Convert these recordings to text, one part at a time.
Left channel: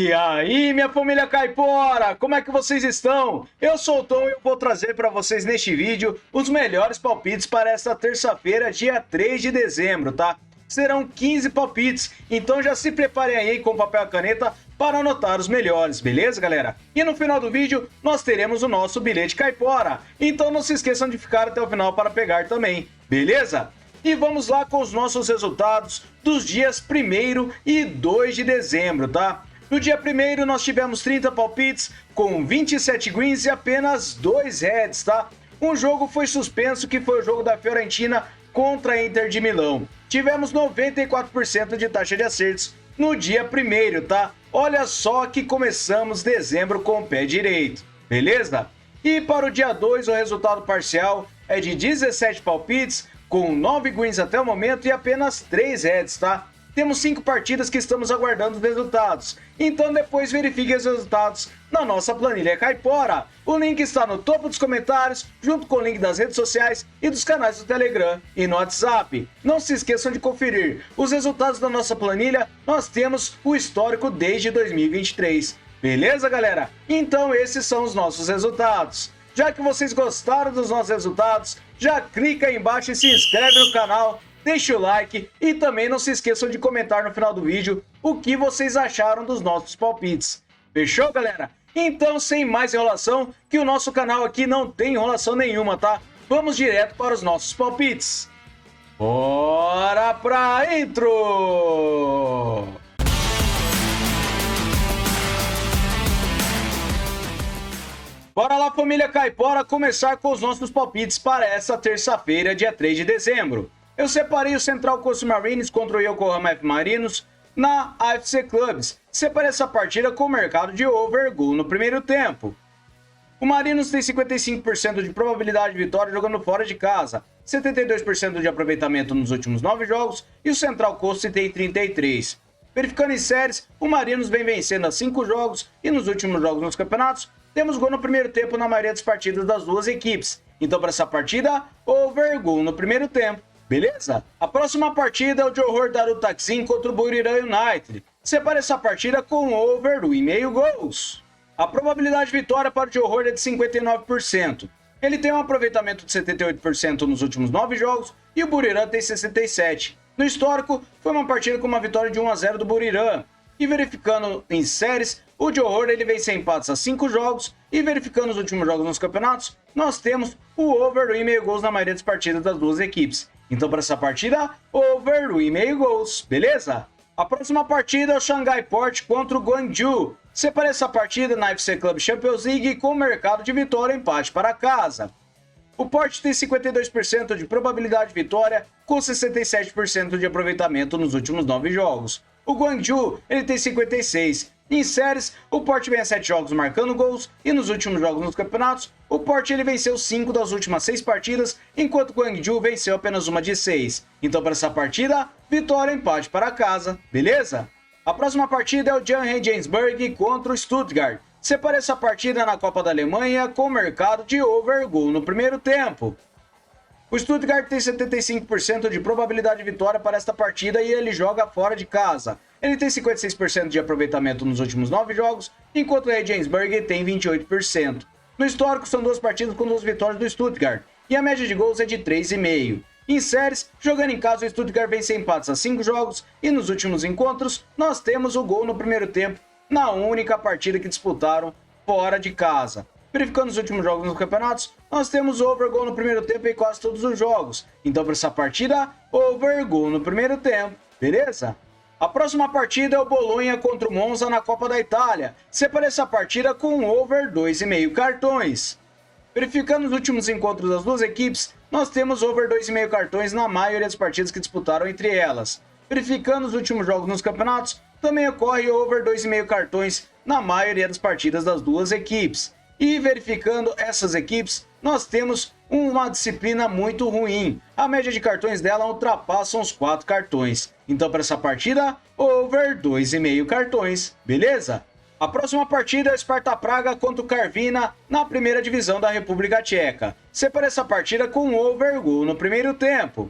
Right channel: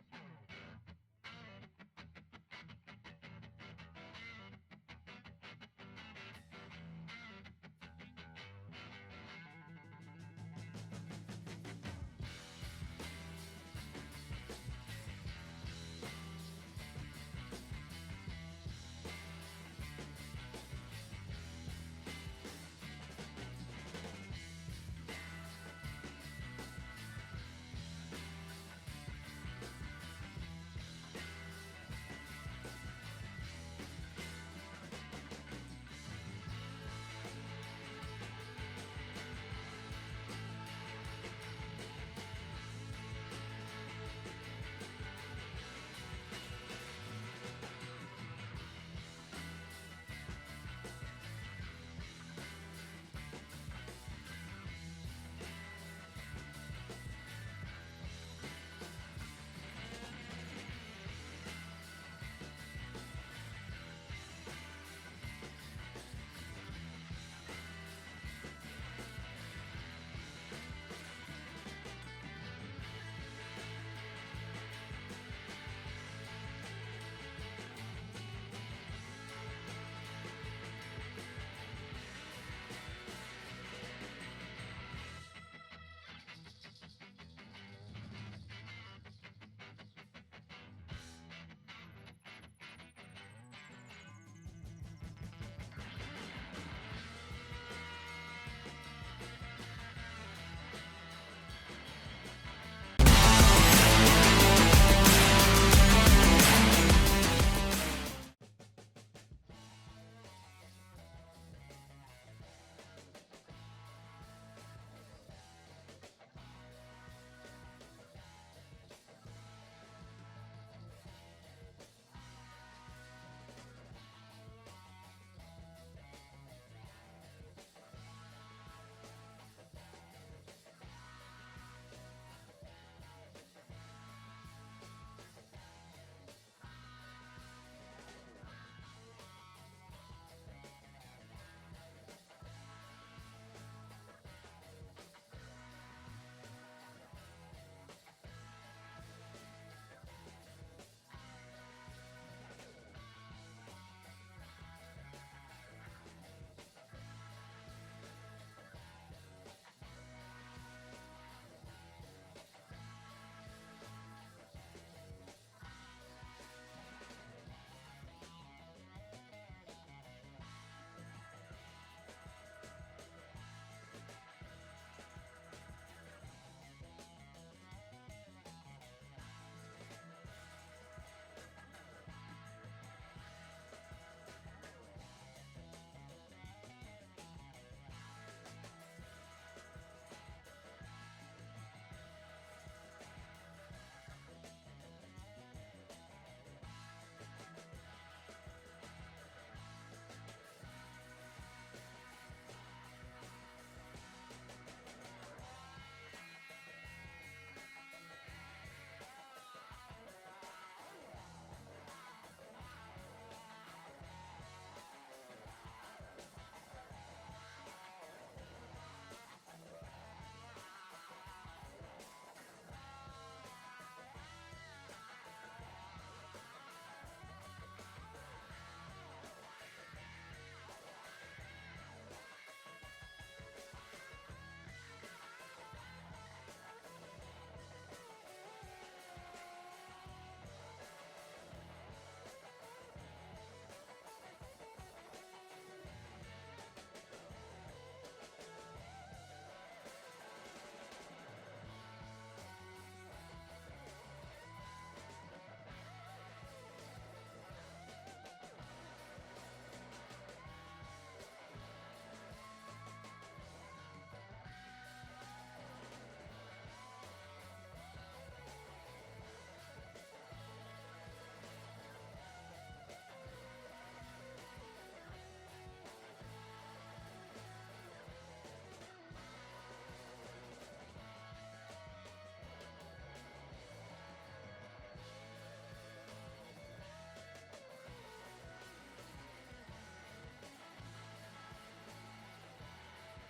E aí, minha família caipora, como é que vocês estão? Eu sou o Tom e eu vou trazer para vocês neste vídeo os melhores palpites para esta terça-feira, dia 3 de dezembro, tá? Serão 15 palpites, então já se preparem aí com papel e caneta para anotar os melhores, beleza, galera? E no final do vídeo, nós teremos o nosso bilhete caipora, então não se esqueçam de ficar até o final para pegar também, beleza? E vamos lá com os nossos resultados dos dias 1º e 2 de dezembro, tá? No dia 1º nós tivemos 30 palpites com 27 greens e apenas 2 reds, tá? Um jogo foi suspenso, que foi o jogo da Fiorentina contra a Inter de Milão. Tivemos 94% de taxa de acertos no dia 1º, tá? Olha só que começamos dezembro com o pé direito, beleza? E para o dia 2 o resultado parcial é de 17 palpites com 9 greens até o momento e apenas 3 reds, tá? Temos 5 partidas que estamos aguardando os resultados, então depois verifique os resultados na nossa planilha caipora. O link está no topo dos comentários, junto com o link das redes sociais e dos canais do Telegram e no WhatsApp. Não se esqueçam de conferir os resultados da nossa planilha, nós temos o histórico desde 2023. Beleza, galera? Então esses são os nossos resultados. Já que vocês gostaram dos nossos resultados, já clica aí embaixo e se inscreve no canal, deixa o like e também não se esqueçam de comentar no final do vídeo o que vocês acharam dos nossos palpites. Fechou, galera? Então, sem mais enrolação, que o nosso canal aqui não tem enrolação nenhuma, tá? Vamos direto para os nossos palpites. Bora pra intro! Bora lá, família caipora, começar com os nossos palpites para essa terça-feira, dia 3 de dezembro. Eu separei o Central Coast Mariners contra o Yokohama F. Marinos na AFC Clubs. Separei essa partida com o mercado de over goal no primeiro tempo. O Marinos tem 55% de probabilidade de vitória jogando fora de casa, 72% de aproveitamento nos últimos 9 jogos e o Central Coast tem 33%. Verificando em séries, o Marinos vem vencendo há 5 jogos e nos últimos jogos nos campeonatos, temos gol no primeiro tempo na maioria das partidas das duas equipes. Então, para essa partida, over goal no primeiro tempo. Beleza? A próxima partida é o Johor Darul Taksim contra o Buriram United. Separe essa partida com over 1,5 gols. A probabilidade de vitória para o Johor é de 59%. Ele tem um aproveitamento de 78% nos últimos 9 jogos e o Buriram tem 67%. No histórico, foi uma partida com uma vitória de 1-0 do Buriram. E verificando em séries, o Johor ele vem sem empates a 5 jogos e verificando os últimos jogos nos campeonatos, nós temos o over 1,5 gols na maioria das partidas das duas equipes. Então, para essa partida, over 1,5 gols, beleza? A próxima partida é o Shanghai Port contra o Guangzhou. Separe essa partida na FC Club Champions League com mercado de vitória e empate para casa. O Port tem 52% de probabilidade de vitória com 67% de aproveitamento nos últimos 9 jogos. O Guangzhou ele tem 56%. Em séries, o Port vem a 7 jogos marcando gols e nos últimos jogos nos campeonatos, o Port ele venceu 5 das últimas 6 partidas, enquanto o Guangzhou venceu apenas uma de 6. Então, para essa partida, vitória e empate para casa, beleza? A próxima partida é o Jan Regensburg contra o Stuttgart. Separe essa partida na Copa da Alemanha com o mercado de over goal no primeiro tempo. O Stuttgart tem 75% de probabilidade de vitória para esta partida e ele joga fora de casa. Ele tem 56% de aproveitamento nos últimos 9 jogos, enquanto o Regensburg tem 28%. No histórico, são 2 partidas com 2 vitórias do Stuttgart, e a média de gols é de 3,5. Em séries, jogando em casa, o Stuttgart vem sem empates a 5 jogos, e nos últimos encontros, nós temos o gol no primeiro tempo, na única partida que disputaram fora de casa. Verificando os últimos jogos nos campeonatos, nós temos over goal no primeiro tempo em quase todos os jogos. Então, para essa partida, over goal no primeiro tempo, beleza? A próxima partida é o Bolonha contra o Monza na Copa da Itália. Separe essa partida com over 2,5 cartões. Verificando os últimos encontros das duas equipes, nós temos over 2,5 cartões na maioria das partidas que disputaram entre elas. Verificando os últimos jogos nos campeonatos, também ocorre over 2,5 cartões na maioria das partidas das duas equipes. E verificando essas equipes, nós temos uma disciplina muito ruim. A média de cartões dela ultrapassa os 4 cartões. Então, para essa partida, over 2,5 cartões, beleza? A próxima partida é o Sparta Praga contra o Karviná na primeira divisão da República Tcheca. Separe essa partida com over goal no primeiro tempo.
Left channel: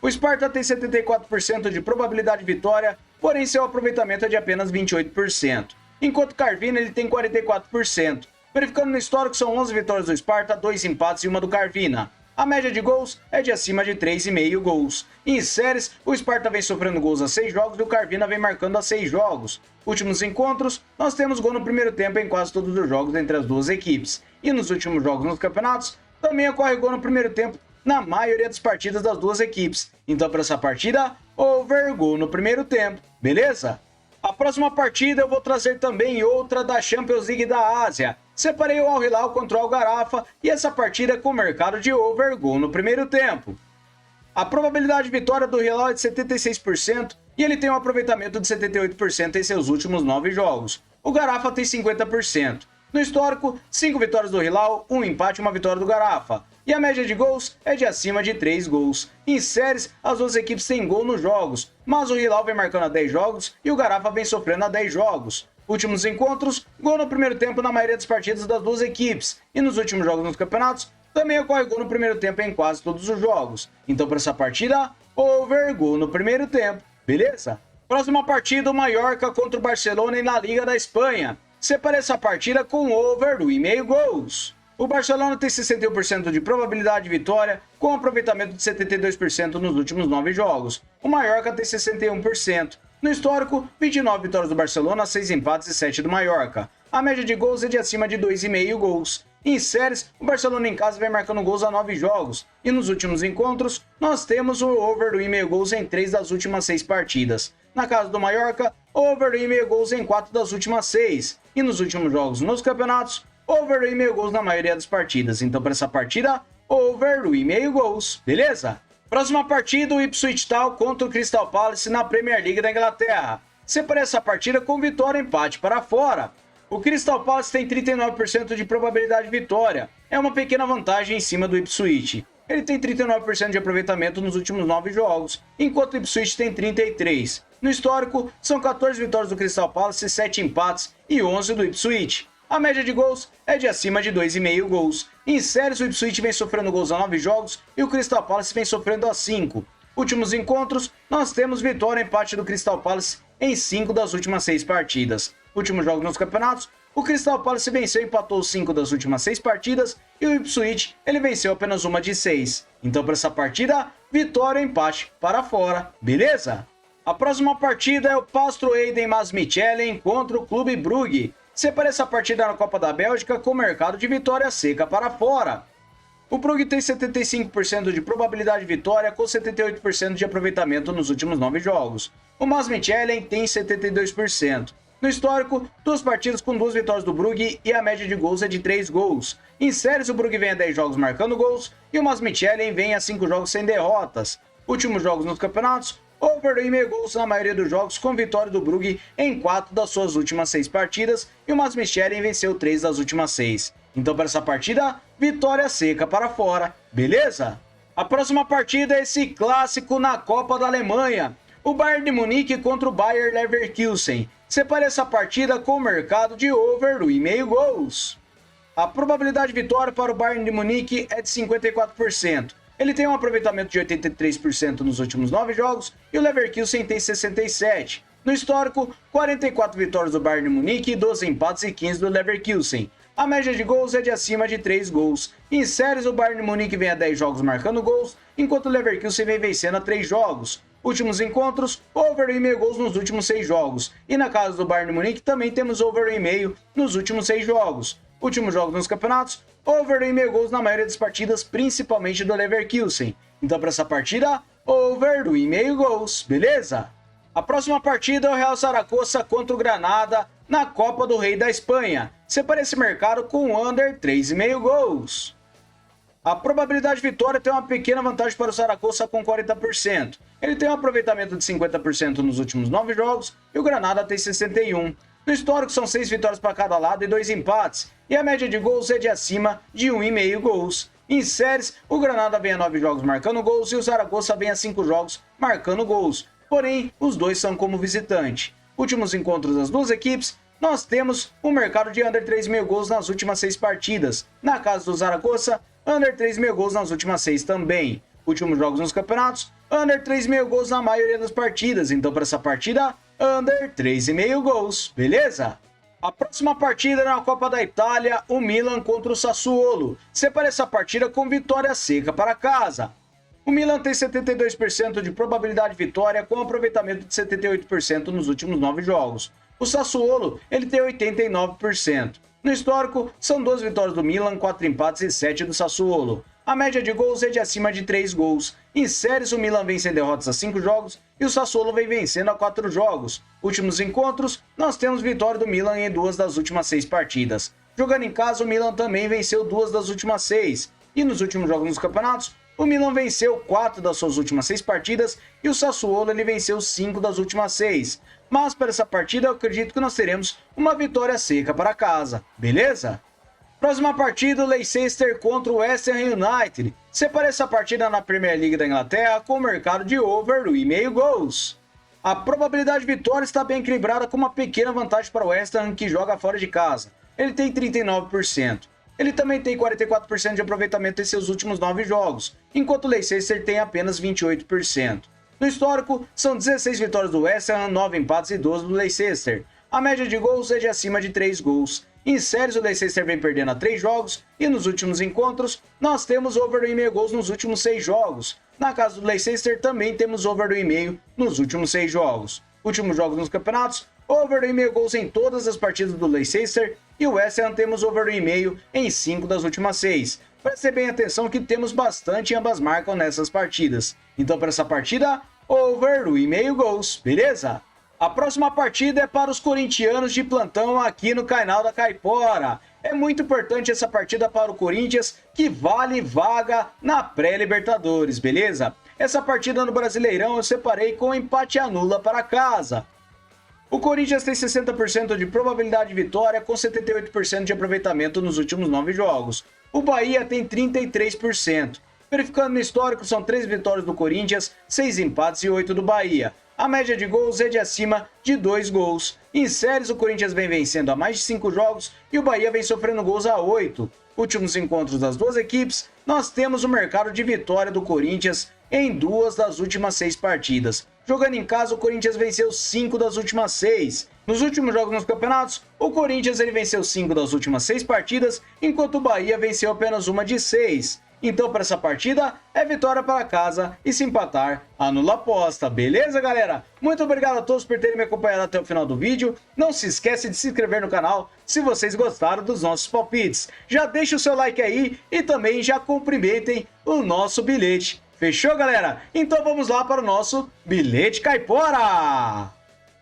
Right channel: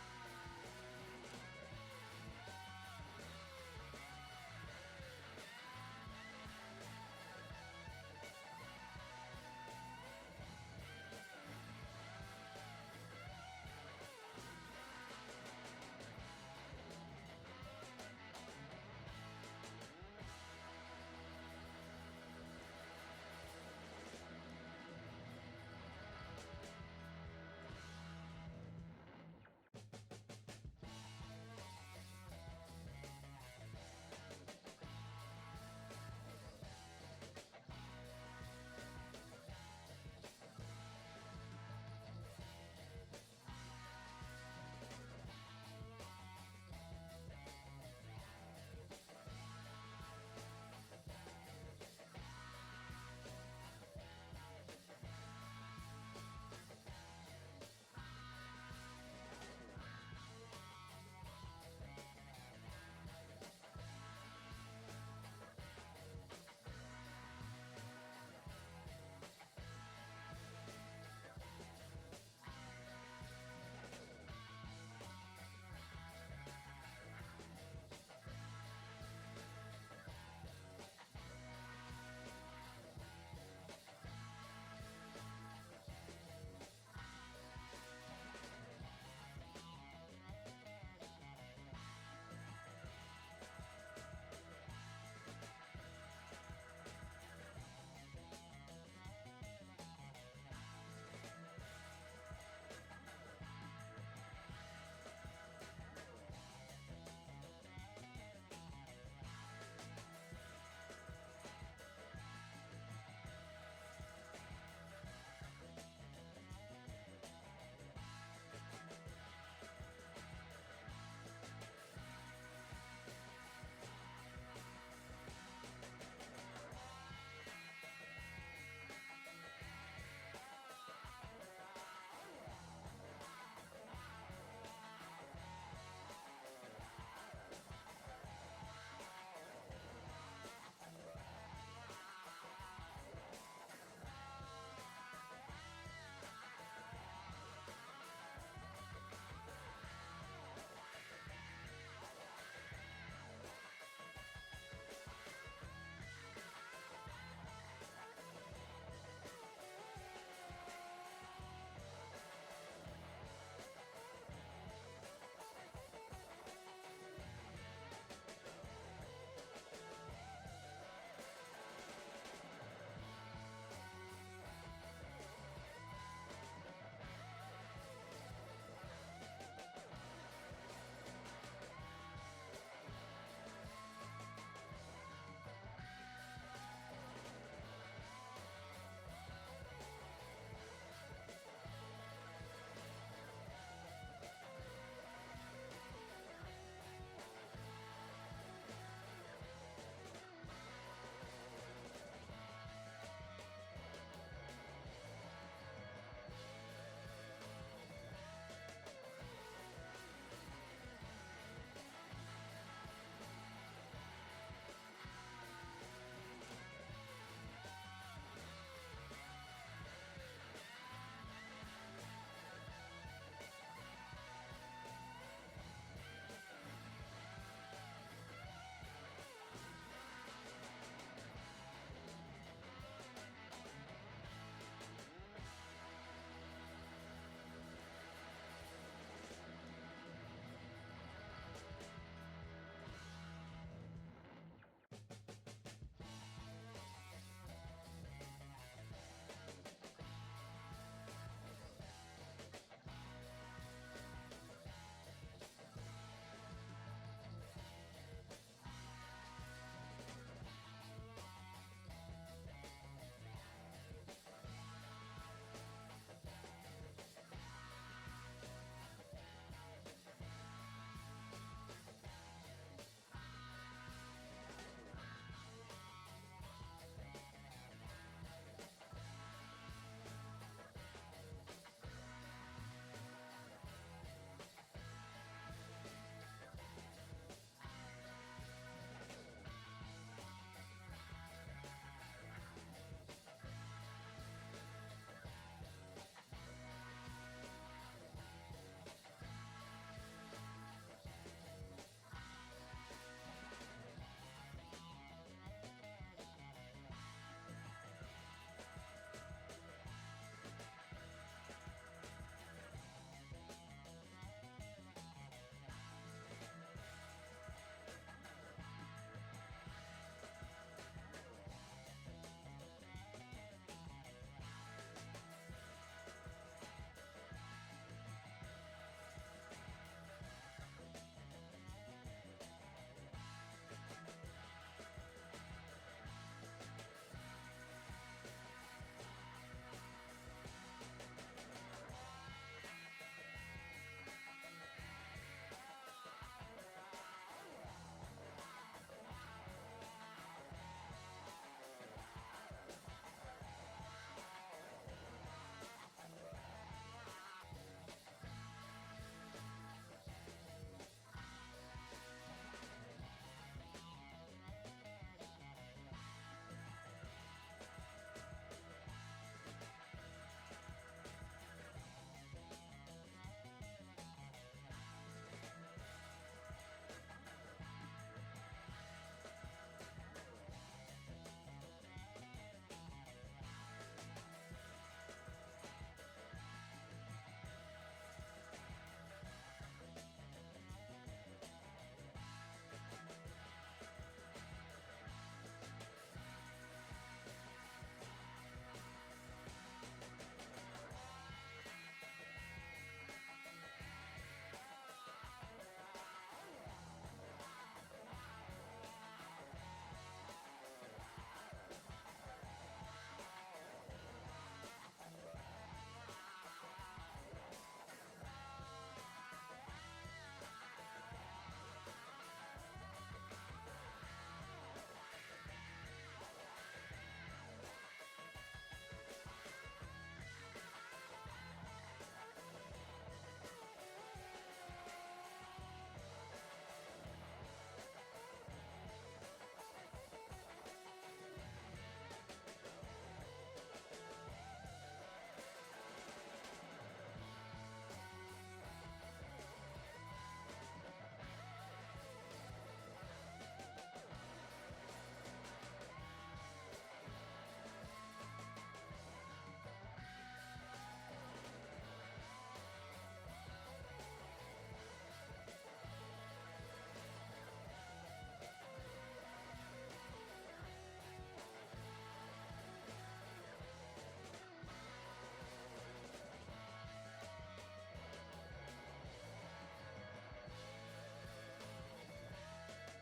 O Sparta tem 74% de probabilidade de vitória, porém seu aproveitamento é de apenas 28%. enquanto o Carvina ele tem 44%. Verificando no histórico, são 11 vitórias do Sparta, 2 empates e uma do Carvina. A média de gols é de acima de 3,5 gols. Em séries, o Sparta vem sofrendo gols a 6 jogos e o Carvina vem marcando a 6 jogos. Últimos encontros, nós temos gol no primeiro tempo em quase todos os jogos entre as duas equipes. E nos últimos jogos nos campeonatos, também ocorre gol no primeiro tempo na maioria das partidas das duas equipes. Então, para essa partida, over gol no primeiro tempo, beleza? A próxima partida eu vou trazer também outra da Champions League da Ásia. Separei o Al Hilal contra o Al Gharafa e essa partida é com mercado de over gol no primeiro tempo. A probabilidade de vitória do Hilal é de 76% e ele tem um aproveitamento de 78% em seus últimos 9 jogos. O Gharafa tem 50%. No histórico, 5 vitórias do Hilal, 1 empate e 1 vitória do Gharafa. E a média de gols é de acima de 3 gols. Em séries, as duas equipes têm gol nos jogos, mas o Hilal vem marcando a 10 jogos e o Gharafa vem sofrendo a 10 jogos. Últimos encontros, gol no primeiro tempo na maioria das partidas das duas equipes. E nos últimos jogos nos campeonatos, também ocorre gol no primeiro tempo em quase todos os jogos. Então, para essa partida, over gol no primeiro tempo, beleza? Próxima partida, o Mallorca contra o Barcelona na Liga da Espanha. Separei essa partida com over 1,5 gols. O Barcelona tem 61% de probabilidade de vitória, com um aproveitamento de 72% nos últimos 9 jogos. O Mallorca tem 61%. No histórico, 29 vitórias do Barcelona, 6 empates e 7 do Mallorca. A média de gols é de acima de 2,5 gols. Em séries, o Barcelona em casa vem marcando gols a 9 jogos. E nos últimos encontros, nós temos o over 1,5 gols em 3 das últimas 6 partidas. Na casa do Mallorca, over 1,5 gols em 4 das últimas 6. E nos últimos jogos nos campeonatos, over 1,5 gols na maioria das partidas. Então, para essa partida, over 1,5 gols, beleza? Próxima partida, o Ipswich Town contra o Crystal Palace na Premier League da Inglaterra. Separei essa partida com vitória e empate para fora. O Crystal Palace tem 39% de probabilidade de vitória. É uma pequena vantagem em cima do Ipswich. Ele tem 39% de aproveitamento nos últimos 9 jogos, enquanto o Ipswich tem 33%. No histórico, são 14 vitórias do Crystal Palace, 7 empates e 11 do Ipswich. A média de gols é de acima de 2,5 gols. Em séries, o Ipswich vem sofrendo gols a 9 jogos e o Crystal Palace vem sofrendo a 5. Últimos encontros, nós temos vitória e empate do Crystal Palace em 5 das últimas 6 partidas. Últimos jogos nos campeonatos, o Crystal Palace venceu e empatou 5 das últimas 6 partidas e o Ipswich ele venceu apenas uma de 6. Então, para essa partida, vitória e empate para fora, beleza? A próxima partida é o Pastro Eiden Masmichelen contra o Clube Brugge. Separei essa partida na Copa da Bélgica com mercado de vitória seca para fora. O Brugge tem 75% de probabilidade de vitória com 78% de aproveitamento nos últimos 9 jogos. O Masmichelen tem 72%. No histórico, 2 partidas com 2 vitórias do Brugge e a média de gols é de 3 gols. Em séries, o Brugge vem a 10 jogos marcando gols e o Masmichelen vem a 5 jogos sem derrotas. Últimos jogos nos campeonatos, over 1,5 gols na maioria dos jogos, com vitória do Brugge em 4 das suas últimas 6 partidas e o Masmichelen venceu 3 das últimas 6. Então, para essa partida, vitória seca para fora, beleza? A próxima partida é esse clássico na Copa da Alemanha, o Bayern de Munique contra o Bayer Leverkusen. Separei essa partida com o mercado de over 1,5 gols. A probabilidade de vitória para o Bayern de Munique é de 54%. Ele tem um aproveitamento de 83% nos últimos 9 jogos e o Leverkusen tem 67%. No histórico, 44 vitórias do Bayern de Munique, 12 empates e 15 do Leverkusen. A média de gols é de acima de 3 gols. Em séries, o Bayern de Munique vem a 10 jogos marcando gols, enquanto o Leverkusen vem vencendo a 3 jogos. Últimos encontros, over 1,5 gols nos últimos 6 jogos. E na casa do Bayern de Munique também temos over 1,5 nos últimos 6 jogos. Últimos jogos nos campeonatos, over 1,5 gols na maioria das partidas, principalmente do Leverkusen. Então, para essa partida, over 1,5 gols, beleza? A próxima partida é o Real Zaragoza contra o Granada na Copa do Rei da Espanha. Separei esse mercado com under 3,5 gols. A probabilidade de vitória tem uma pequena vantagem para o Zaragoza com 40%. Ele tem um aproveitamento de 50% nos últimos 9 jogos e o Granada tem 61%. No histórico são 6 vitórias para cada lado e 2 empates, e a média de gols é de acima de 1,5 gols. Em séries, o Granada vem a 9 jogos marcando gols e o Zaragoza vem a 5 jogos marcando gols, porém os dois são como visitante. Últimos encontros das duas equipes, nós temos um mercado de under 3,5 gols nas últimas 6 partidas. Na casa do Zaragoza, under 3,5 gols nas últimas 6 também. Últimos jogos nos campeonatos, under 3,5 gols na maioria das partidas. Então, para essa partida, under 3,5 gols, beleza? A próxima partida é na Copa da Itália, o Milan contra o Sassuolo. Separe essa partida com vitória seca para casa. O Milan tem 72% de probabilidade de vitória, com aproveitamento de 78% nos últimos 9 jogos. O Sassuolo, ele tem 89%. No histórico, são 12 vitórias do Milan, 4 empates e 7 do Sassuolo. A média de gols é de acima de 3 gols. Em séries, o Milan vem sem derrotas a 5 jogos e o Sassuolo vem vencendo a 4 jogos. Últimos encontros, nós temos vitória do Milan em 2 das últimas 6 partidas. Jogando em casa, o Milan também venceu 2 das últimas 6. E nos últimos jogos nos campeonatos, o Milan venceu 4 das suas últimas 6 partidas e o Sassuolo ele venceu 5 das últimas 6. Mas para essa partida eu acredito que nós teremos uma vitória seca para casa, beleza? Próxima partida, o Leicester contra o West Ham United. Separe essa partida na Premier League da Inglaterra com o mercado de over 1,5 gols. A probabilidade de vitória está bem equilibrada, com uma pequena vantagem para o West Ham, que joga fora de casa. Ele tem 39%. Ele também tem 44% de aproveitamento em seus últimos 9 jogos, enquanto o Leicester tem apenas 28%. No histórico, são 16 vitórias do West Ham, 9 empates e 12 do Leicester. A média de gols é de acima de 3 gols. Em séries, o Leicester vem perdendo a 3 jogos e nos últimos encontros, nós temos over 1,5 gols nos últimos 6 jogos. Na casa do Leicester, também temos over 1,5 nos últimos 6 jogos. Últimos jogos nos campeonatos, over 1,5 gols em todas as partidas do Leicester e o West Ham temos over 1,5 em 5 das últimas 6. Preste bem atenção que temos bastante ambas marcam nessas partidas. Então para essa partida, over 1,5 gols, beleza? A próxima partida é para os corintianos de plantão aqui no canal da Caipora. É muito importante essa partida para o Corinthians, que vale vaga na pré-Libertadores, beleza? Essa partida no Brasileirão eu separei com empate anula para casa. O Corinthians tem 60% de probabilidade de vitória, com 78% de aproveitamento nos últimos 9 jogos. O Bahia tem 33%. Verificando no histórico, são 3 vitórias do Corinthians, 6 empates e 8 do Bahia. A média de gols é de acima de 2 gols. Em séries, o Corinthians vem vencendo há mais de 5 jogos e o Bahia vem sofrendo gols a 8. Últimos encontros das duas equipes, nós temos o mercado de vitória do Corinthians em 2 das últimas 6 partidas. Jogando em casa, o Corinthians venceu 5 das últimas 6. Nos últimos jogos nos campeonatos, o Corinthians ele venceu 5 das últimas 6 partidas, enquanto o Bahia venceu apenas uma de 6. Então, para essa partida, é vitória para casa e se empatar, anula a aposta. Beleza, galera? Muito obrigado a todos por terem me acompanhado até o final do vídeo. Não se esquece de se inscrever no canal se vocês gostaram dos nossos palpites. Já deixa o seu like aí e também já cumprimentem o nosso bilhete. Fechou, galera? Então vamos lá para o nosso bilhete caipora!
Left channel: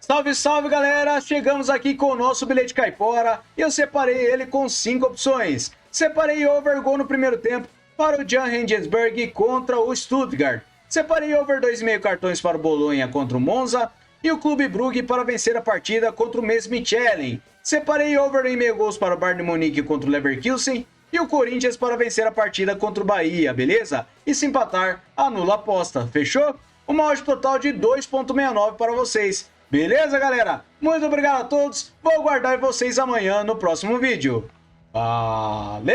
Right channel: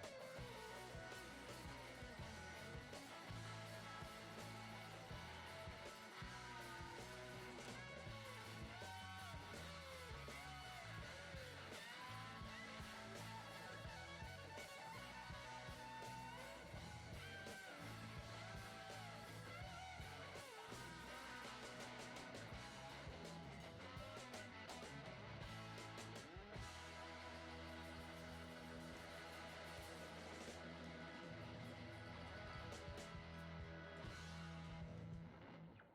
Salve, salve, galera! Chegamos aqui com o nosso bilhete caipora e eu separei ele com 5 opções. Separei over gol no primeiro tempo para o Jan Regensburg contra o Stuttgart. Separei over 2,5 cartões para o Bolonha contra o Monza e o Clube Brugge para vencer a partida contra o Metz Michelin. Separei over 1,5 gols para o Bayern de Munique contra o Leverkusen e o Corinthians para vencer a partida contra o Bahia, beleza? E se empatar, anula a aposta, fechou? Uma odd total de 2,69 para vocês. Beleza, galera? Muito obrigado a todos. Vou aguardar vocês amanhã no próximo vídeo. Valeu!